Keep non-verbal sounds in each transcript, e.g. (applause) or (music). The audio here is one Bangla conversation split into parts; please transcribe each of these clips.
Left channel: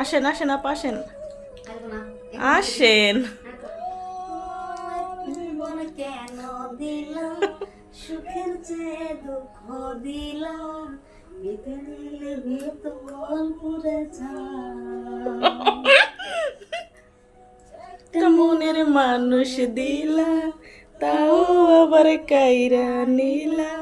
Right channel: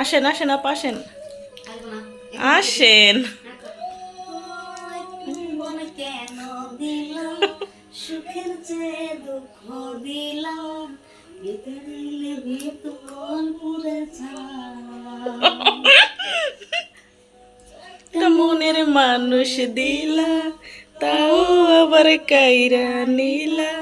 আসেন আসেন আপা আসেন। আসেন। সুখের চেয়ে দুঃখ দিলাম। মনের মানুষ দিলা তাও আবার কাইরা নিলা।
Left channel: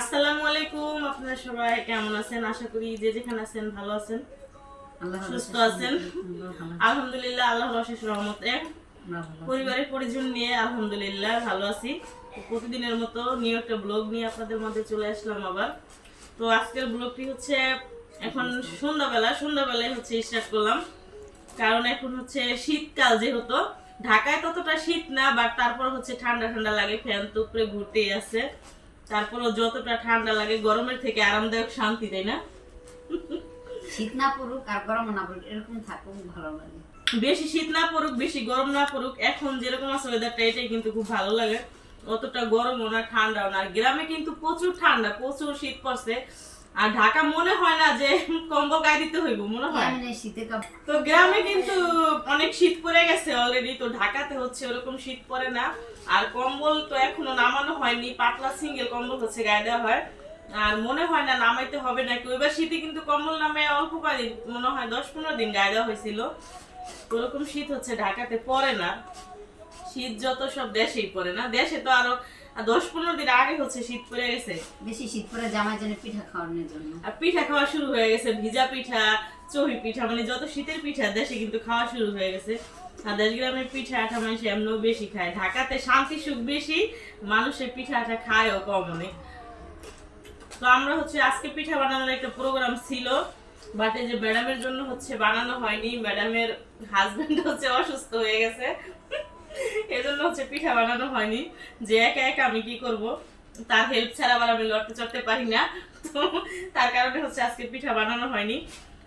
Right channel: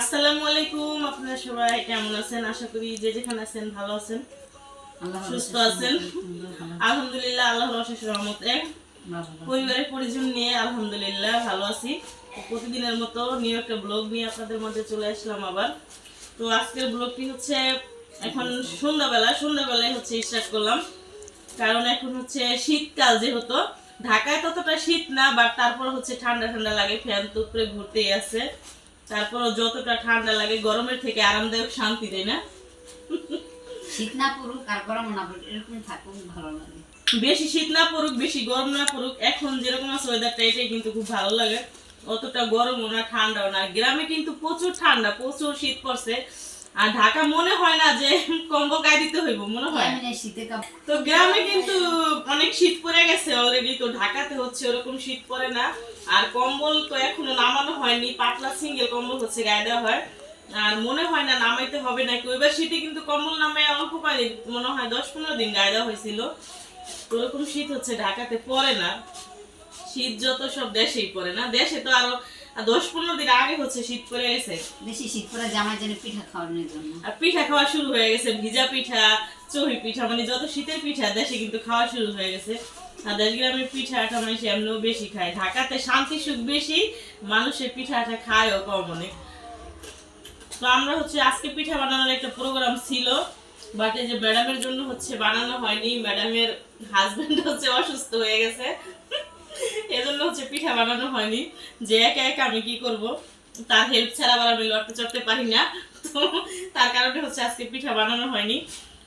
আসসালামু আলাইকুম আপনারা সবাই কেমন আছেন? আশা করি যে যেখানে আছেন ভালো আছেন সুস্থ আছেন। আলহামদুলিল্লাহ আল্লাহর অশেষ রহমতে। পরিবারের পরিজন নিয়ে আলহামদুলিল্লাহ ভালো আছি। তো প্রতিদিনের মতো নিউ একটা ব্লগ নিয়ে আপনাদের মধ্যে চলে আসলাম আবার। তো আজকের ব্লগটি হচ্ছে এখন সন্ধ্যাবেলা সন্ধ্যাবেলায় হচ্ছে স্টার্ট করলাম। কারণ এখন হচ্ছে শীতকাল যেহেতু। ঢাকায় ততটা শীত না বাট তারপর হচ্ছে ঠান্ডা ঠান্ডা লাগে ফ্যান তো ঘুরতেই আছে। তারপর যতটা ঠান্ডা লাগে গরমের থেকে আরামদায়ক শান্তি দেয় না? শীত না পড়ুক আর গরম না পড়ুক এরকম থাকুক ভালো লাগে। বেশি শীত না পড়ুক বেশি গরম না পড়ুক এখন যেরকম আছে ওয়েদারটা এটাই কিন্তু খুব ভালো লাগে। অতটা গরমও না ঠান্ডাও না। গ্রামে কিন্তু প্রচুর ঠান্ডা প্রচুর শীত পড়ছে। আর ঢাকা মনে হয় না যে কম্বল গায়ে দিতে হইব মনে হয়? শীতে তো গ্রামে কিন্তু অনেক শীত পড়ে গেছে অলরেডি তো ঢাকাতে হচ্ছে ওরকম শীত পড়ে না। আর কম্বল তো এখনও নামানো হয়নি পাতলা সিঙ্গেল কম্বল হচ্ছে গায়ে দেওয়া হয়। আর মনে হয় না নামাইতে হবে নাকি ওইবার শীতে কিন্তু কম্বল নামে অল্প কদিন মনে হয় দশ পনেরো দিন গায়ে দেওয়া হয়েছিল। ওরকম শীত হচ্ছে ঢাকাতে পড়ে না। শীত যত সব দেশেই পড়ে না দেশে তো আরও দশ পনেরো দিন আগে হচ্ছে শীত পড়ে গেছে। বেশি শীত পরে জামাই জন্য পিঠা খাওয়ানোর জন্য। আর পিঠা খাওয়া শুরু হয়ে গেছে ভিজা পিঠা চহি পিঠা মানে যত শীতের পিঠা দেশে কিন্তু খাওয়া শুরু হয়ে গেছে। গ্রামের পিঠা মানুষ এমনিও বেশি খায়। ঢাকাতে শান্তি, সুখ বেশি, মানুষের পিঠা খায়ও কম অনেক। তো আমরা হচ্ছে আজকে পিঠা বানানোর একটা প্রোগ্রাম ছিল বাট যে ম্যাডামের জন্য হচ্ছে বানানো হয়নি। ম্যাডামের হচ্ছে অসুস্থ হয়ে গেছে। এজন্য হচ্ছে পিঠা বানানো হয়নি। যে একা একা আমি কি করব? তার হেল্প ছাড়া আবার আমি লড়তে চড়তে পারি না। তো তার কারণে হচ্ছে আজকে পিঠা বানানো হয়নি।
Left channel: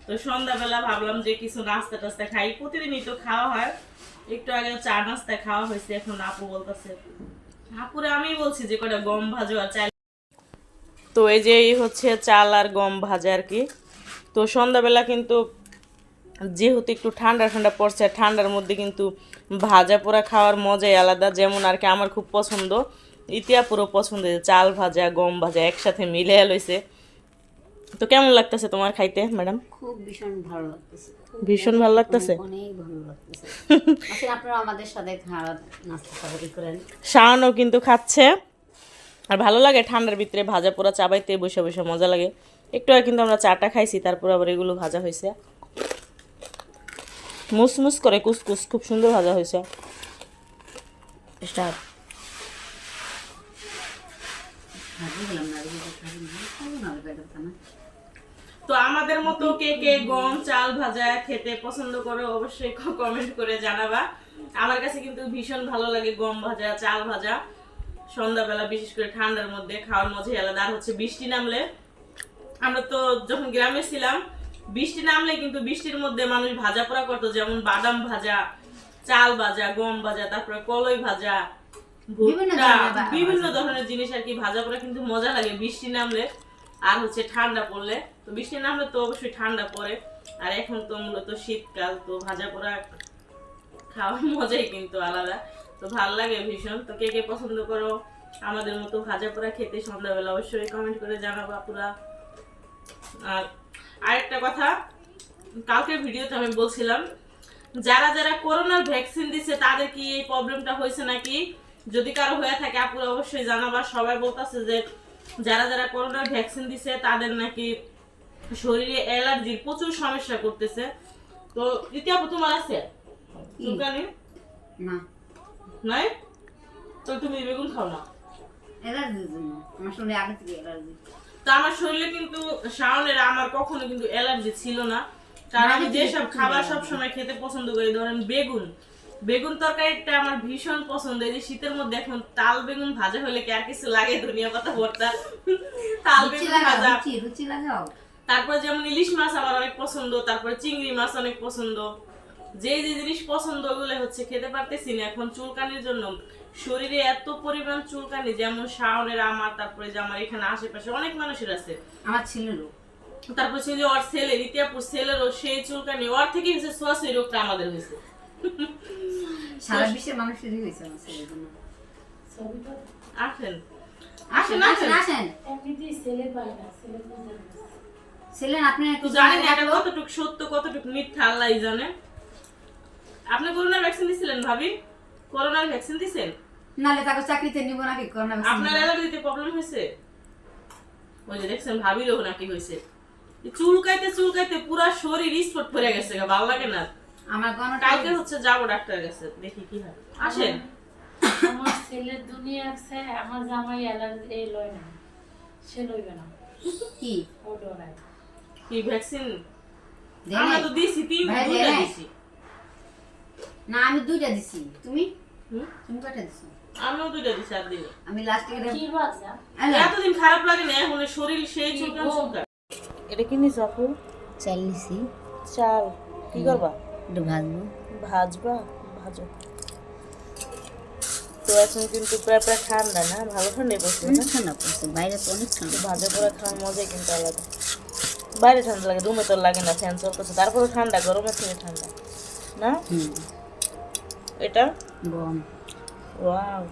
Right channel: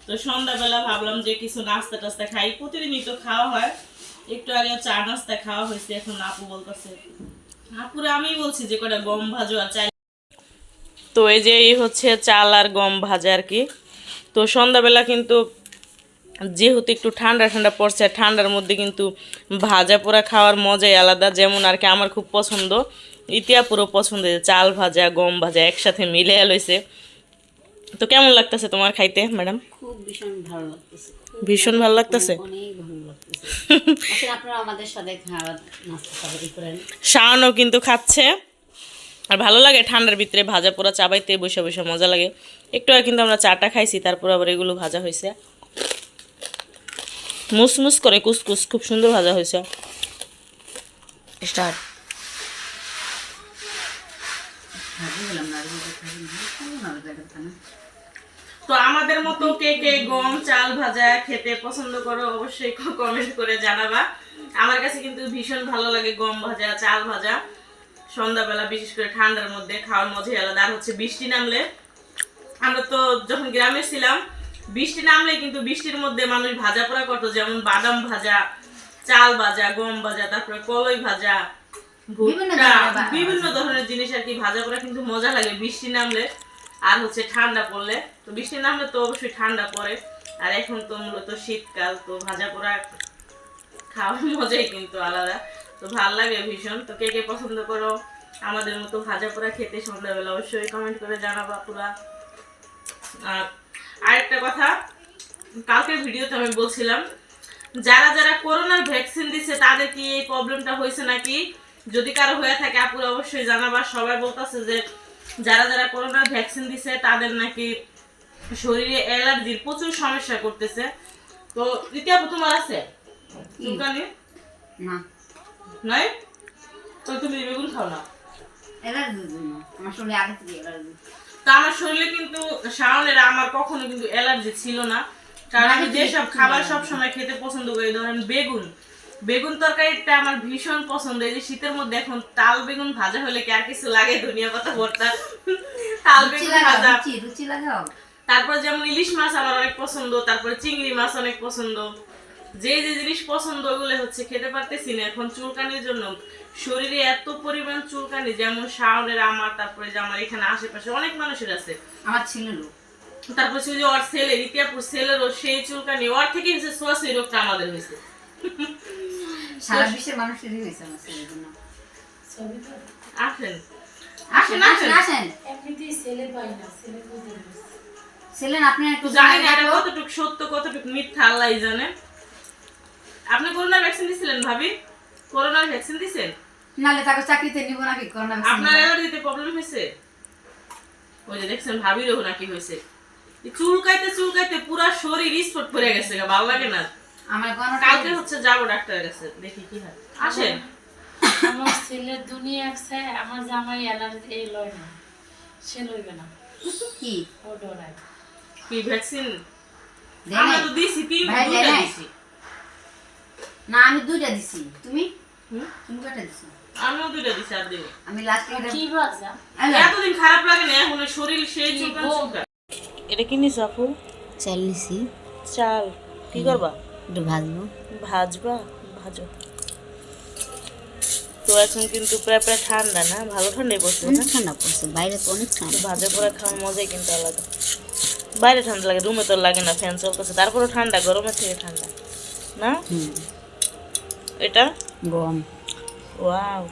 তো সন্ধ্যাবেলা ভাবলাম যে কিছু নাস্তা টাস্তা খাই। প্রতিদিনই তো খাওয়া হয়। একটু আগে চা নাস্তা খাওয়া হয়েছে, এখন আপু বলতেছে, আপুরে আমি বলছি যে কটা গম ভাজো আর চাল তো এই যে এই হচ্ছে চাল আর গম ভাজা আর কি। তো সন্ধ্যাবেলা কিন্তু যেহেতু একটু ঠান্ডা ঠান্ডা পড়ছে ঠান্ডার মধ্যে কিন্তু ভাজা পোড়া খাওয়ার মজাই আলাদা। যেমন আর কি আমার খুব পছন্দ ইতিয়া পুরো পছন্দ চাল ভাজা, গম ভাজা একসাথে মিলে লইছে। তো কেমন লাগতেছে তোমার খাইতে ম্যাডাম খুব ভীষণ ভালো লাগতেছে। ভীষণ ভালো লাগতেছে? অনেক ভালো লাগতেছে। (laughs) আসলে আপনারা আমাদের সাথে খাওয়া নাস্তা খাবারই করেন। শাওনও কিন্তু খাচ্ছে। আর ভালো লাগে ঠান্ডার ভিতরে ভাজা পোড়া চাবাইতে বসে বসে মজা লাগে। একটু আগে কিন্তু আমরা চাটা খাইছি তারপর আবার এগুলো ভাজা হয়েছে। মুসমুস করে কুসকুস খুব সুন্দর ভাজা হয়েছে। স্টার্ট। না। তো আমাদের মতো কে কে গম চাল ভাজা খেতে পছন্দ করো অবশ্যই কমেন্ট করে জানাবা। আমার কাছে কিন্তু ভীষণ ভালো লাগে গম ভাজা চাল ভাজা। সন্ধ্যাবেলা বিশেষ করে ঠান্ডার মধ্যে খাওয়ার মজাই আলাদা। আর হচ্ছে বৃষ্টি নামলে আমরা তো যখন গ্রামে ছিলাম বৃষ্টি নামলে কিন্তু বৃষ্টির মধ্যে মানুষ ভাজা পোড়া করতো যেমন বাদাম ভাজা চাল ভাজা গম ভাজা তারপরে কলই ভাজা। বিভিন্ন ধরনের জিনিস আর কি ভাজা পোড়া কিন্তু মজা লাগে বৃষ্টি নামলে। আর হচ্ছে ঠান্ডা পড়লে, তো বৃষ্টি নামলে তো অবশ্যই ঠান্ডা পড়ে। আর এখন তো মূলত শীতকাল, তো ভাজা পোড়া খাওয়ার (laughs) মজাই কিন্তু আলাদা। তো ভালো লাগে ভীষণ। তো কে কে পছন্দ করো আমাদের মতো ভাজা পোড়া খেতে সন্ধ্যাবেলা অবশ্যই কমেন্ট করে জানাবা পুরা। আর আরেকটা কথা, কালকের ভিডিওতে আমি বলছিলাম, যারা যারা করোনার ভ্যাকসিন দিছে, তাদের কি এই প্রবলেমটা হয়েছে নাকি? যদি কারও হয়ে থাকে, আপুরা অবশ্যই জানাবা। সবাই বলতেছে যে যারা যারা করোনার ভ্যাকসিন দিছে তাদের নাকি শরীরে অ্যালার্জির প্রচুর সমস্যা করতেছে। তো দ্বিতীয় তোমার আছে? চুলকানি? না। নাই? তো তুমি বেগুন খাও না। অ্যালার্জির জন্য। আমার শরীরে আগে থেকে অ্যালার্জি। তো আমার শরীরে কিন্তু শাওনের আমার কখনো কিন্তু অ্যালার্জি ছিল না। কারণ আমি যেসব খাবার। সব সময় খেতে পছন্দ করি ধরেন বেগুন। বেগুন তরকারিটা আমার ভীষণ পছন্দ। এই যে শীতের মধ্যে এখন তাল বেগুন ভাজা হলে কি আর কিছু লাগে? দুনিয়া কথা ভর্তা। তাল বেগুন ভাজা। রুচি রুচি লাগাও। তারপর যেমন ইলিশ মাছ আমার অনেক পছন্দ তারপরে চিংড়ি মাছ অনেক পছন্দ। যে যে জিনিস পছন্দ ওগুলো হচ্ছে খেতে পারতেছি না। এখন চুলকানির জন্য শরীরে এত পরিমাণ চুলকানি যেমন শাওনের আমার তারপরে যে আমার এখানে আশেপাশে অনেক মানুষের আছে। আমার ছিল লোক তারপর সে যে ওর ছেলে রিতিয়াপুর ছেলেরও সেই চুলকানি ওর থেকে হয়েছে সোয়াশি রোগটা আমাদের হয়েছে। সারা বিশ্বের মানুষেরই হয়েছে আমার ছেলের জন্য। আসেন। আসেন আসেন আসেন ছেলে না, আপনি একটু জানি না এটা কতটুকু সত্য কতটুকু মিথ্যা আল্লাহ জানে। আপনি করোনার ভ্যাকসিন দিছিলেন ভাবি? করোনার ভ্যাকসিন দিছেন? নাহলে তাকে চাকরিতে নিব নাকি? করোনা ভ্যাকসিন আপনার অ্যালার্জিতে প্রবলেম হয়েছে? ওই যে দেখছেন ভাবিরও নাকি হয়েছে। চুলকাইতে চুলকাইতে পুরা শরীর স্পট পড়ে গেছে গা, ভালো লাগে না। আমার কোনো কালকে হচ্ছে যাব ডাক্তারের কাছে দেখি কি হয়। আসেন। আমার ছেলের দুনিয়া আছে আমার জামাই অ্যালার্জি এই লয় না সে লইবে না। কি? ও ডরায়। কি ভ্যাকসিন আমরা তো দিছি তিন দুইটা দিছি। না আমি দুইটা দিছি। তুমি? হুম? তুমি কয়টা দিছো? আমিও দুইটা দিছি আর দিনে আমি লাস্ট এটা কি বাজা এতদিন খারাপ লাগে না এখন শরীর সেই এটা কি নিস আপু? চাল নিছি। চাল। কি করবা? একটু ভাজবো। ভাজবা? ভাজো। তো এখন কিন্তু প্রায় প্রায় ঠান্ডা না? ভালো ঠান্ডাই পড়ছে না? অনেক ঠান্ডা পড়ছে বাইরে তো অনেক ঠান্ডা। ভাজা পড়া খাওয়ার মজাই কিন্তু আলাদা। বাইরে ঠান্ডা লাগে রুমে তো লাগে না ফ্যান চলতেছে। তারপরেও ঠান্ডা গরমের থেকে ঠান্ডা। না? এটা? গম। ওয়াও।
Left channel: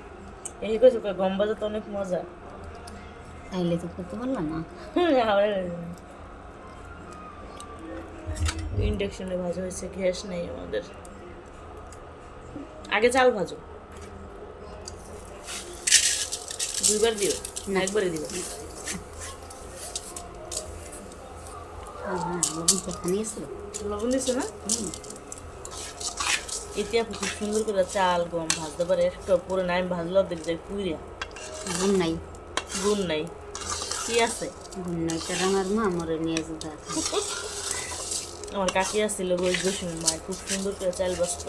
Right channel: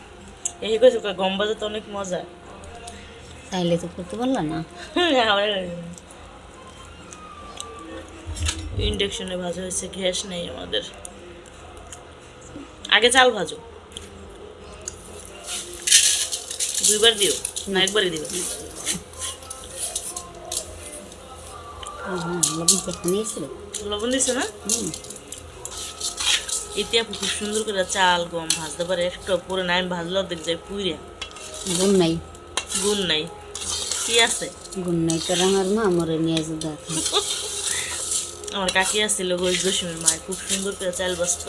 এই কইছো গম ভাজা তো অনেক মজা। তাইলে তো করতে পারলা না? ইন্ডাকশনে ভাজা হয়েছে গ্যাস নেই আমাদের। আগে চাল ভাজো। দুইবার দিও না একবারই দিও হ্যাঁ লবণ লবণ দিছে না? হুম ইতিয়া খুব সুন্দর করে চাল গম ভাজতে পারে। একটা পরে না আমি ভাজলে অর্ধেক যাই পুইরা। গুণ নাই। গুণ নাই। কি আছে? গুণ নাই তারা আমার মা মরে নিয়ে যেতে (laughs) আমার কাকি আসছিল গোজ দশমীর মায়ের খুব সুন্দর করে চাল বাঁচত।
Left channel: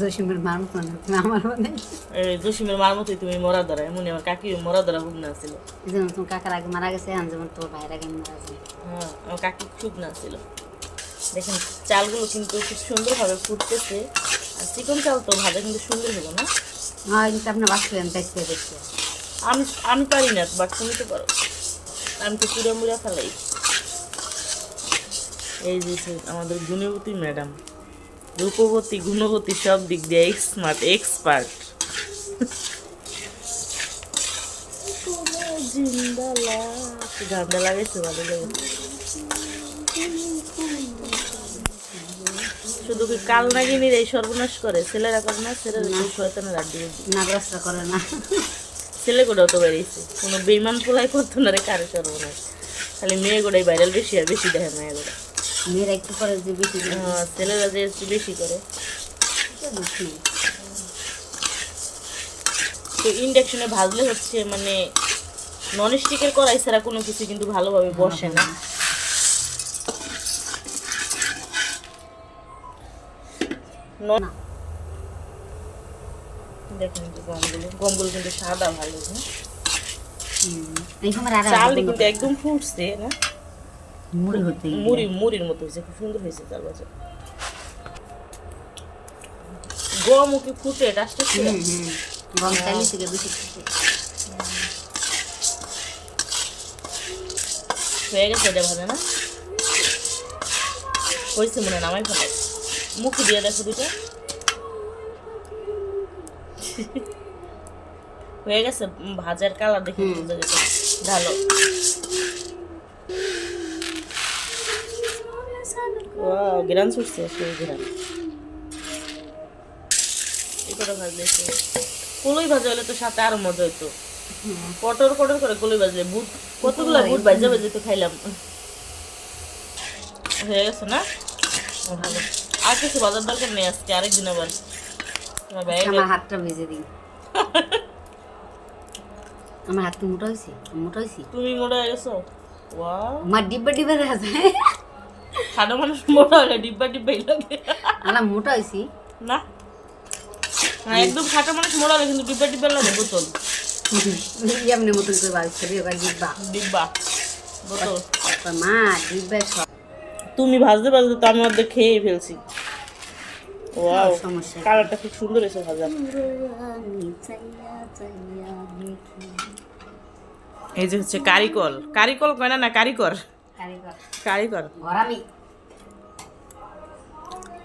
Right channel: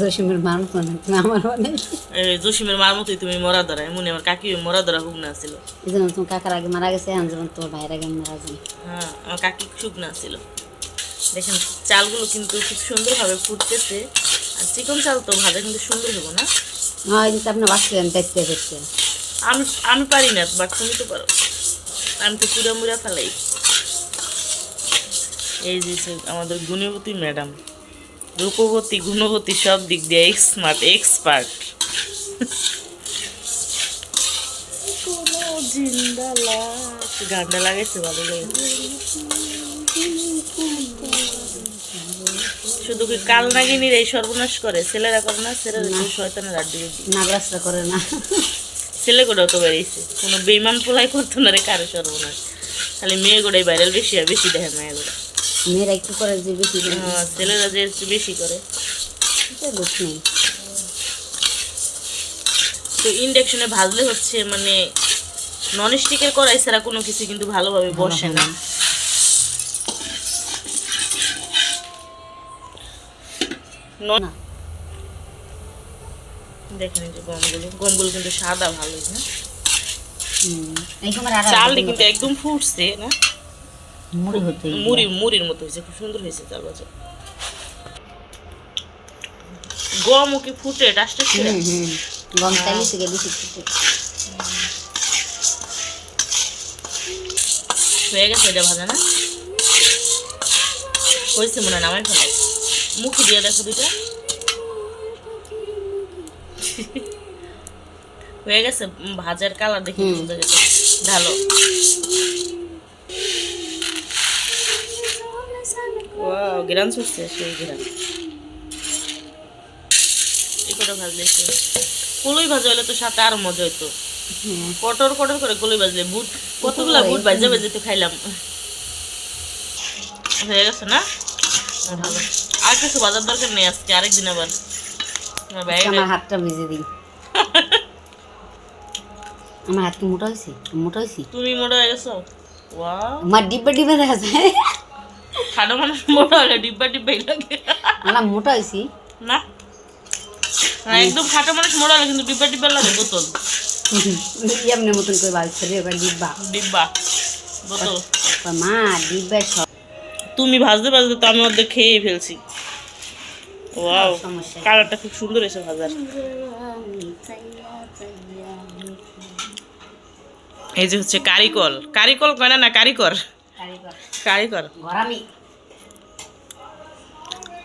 জসিমের মানুষ না আমার মানে? জসিমের মার মতোই তুমি মরা ধরা এমনি আমার কাকি মরা ধরা হুক না ছিল তোমার কাকার আগে মারা গেছে যেমন তোর ভাইয়ের আগে মারা যায় হ্যাঁ আমার কাকি শুকনা ছিল। দেখেন চালগুলো কিন্তু খুব সুন্দরভাবে ফুটতেছে আর চিকন চাল তো ভাজা কিন্তু সুন্দর হব না। কিন্তু আপনি বাঁচলেন দেখতে দেখতে। আমি আমি পারি না বাট তুমি তো পারো। আমি তো পুরা মুড়া ফেলাই। এই যে আমাদের গুণবতী ম্যাডাম রূপবতী গুণবতী সব দিক দিয়ে স্মার্ট এক্সপার্ট গানটা লাগাইছে ভালো লাগে শুধু কি কাল নাগিনীর এই সর্বনাশ করে? ছেলেরা করে না ছেলেরা শয়তানের আড্ডি নাগরাজটা করে না। ছেলে গোটাও তো বেরিয়েছে। কোনো বেইমান পোলাই করতো না রে কারও সর্বনাশ। খালি মেয়ে গোটাই ভাইরাল বেশি আর বেশি দেখে মেয়ে গোটা। মেয়েরা একটু করে যে বেশি ছেলেরা যে একটু বেশি করে। তো ইন্ডাকশনে ভাজলে হচ্ছে মানে নন স্টিকের কড়াই ছাড়া কোনো কিছু কিন্তু ভালোভাবে বসে না। দেখেন যে গমগুলো। গমগুলো কিন্তু সাদা ভালো হ্যাঁ? আর চালটা কিন্তু একদম ফুটছে না? মুড়ি হতে মুড়ি মুড়ির মতো হয়েছে খুব সুন্দর হয়েছে চাল ভাজা গমও কি ফুটে? ডাস্টার ছিল গম চাইলে থেকে বেশি হয়ে গেছে এটা ভাজা না? হয়েছে মনে হয় নামাই ফেলাই মুখে দিয়ে দেখো দুইটা। হয়ে গেছে ভাজার কালার দেখে ঢালো। গ্রান ছুটছে সেই গ্রান এই কটা ভাজলে কলই ভাজা হলে তো সাথে আরও মজা হইতো। কটর কটর করে কলই বাজলে বুট কতগুলা বুট বাজে বাজে তো খাইলাম। হয়ে গেছে না? ভালো। আর কিছু বাজার দরকার নেই আজকে আরেকদিন আবার। আমার হাতটা ভেজে দিই আমার হাত কি মোটা হয়েছে মোটা হয়েছে। তুমি মোটা হয়ে গেছো? ওয়াও আমার ডিব্বা ডিব্বা দেখা যায়। খাটো মানুষ মোটা হলে ডিব্বা ডিব্বাই লাগে। না মোটা হয়েছি। না? একদম খাটো মানুষ মোটা হলে কিন্তু ডিব্বা ডিব্বা লাগে বোতল। এমনি মতন করে রে ওখানে ডিব্বা। ডিব্বা বোতল। মা ডিব্বা তুমি ভাজতে ভাজতে তো আমি অর্ধেক খেয়েই ফেলছি। ওয়াও কালারটা খুব সুন্দর এসে ভাজা। এই যে হচ্ছে কারিকল। কারিকল কয় না না কারিকর? কারিকর।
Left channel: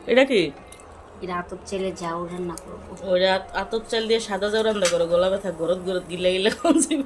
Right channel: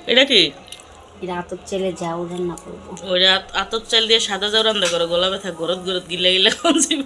এটা কি? এটা আতপ চেলে যাও রান্না করব। ওইটা আতপ চাল দিয়ে সাদা যাও রান্না করো গলা ব্যথা গরত গরত গিলা গিলে কমছিব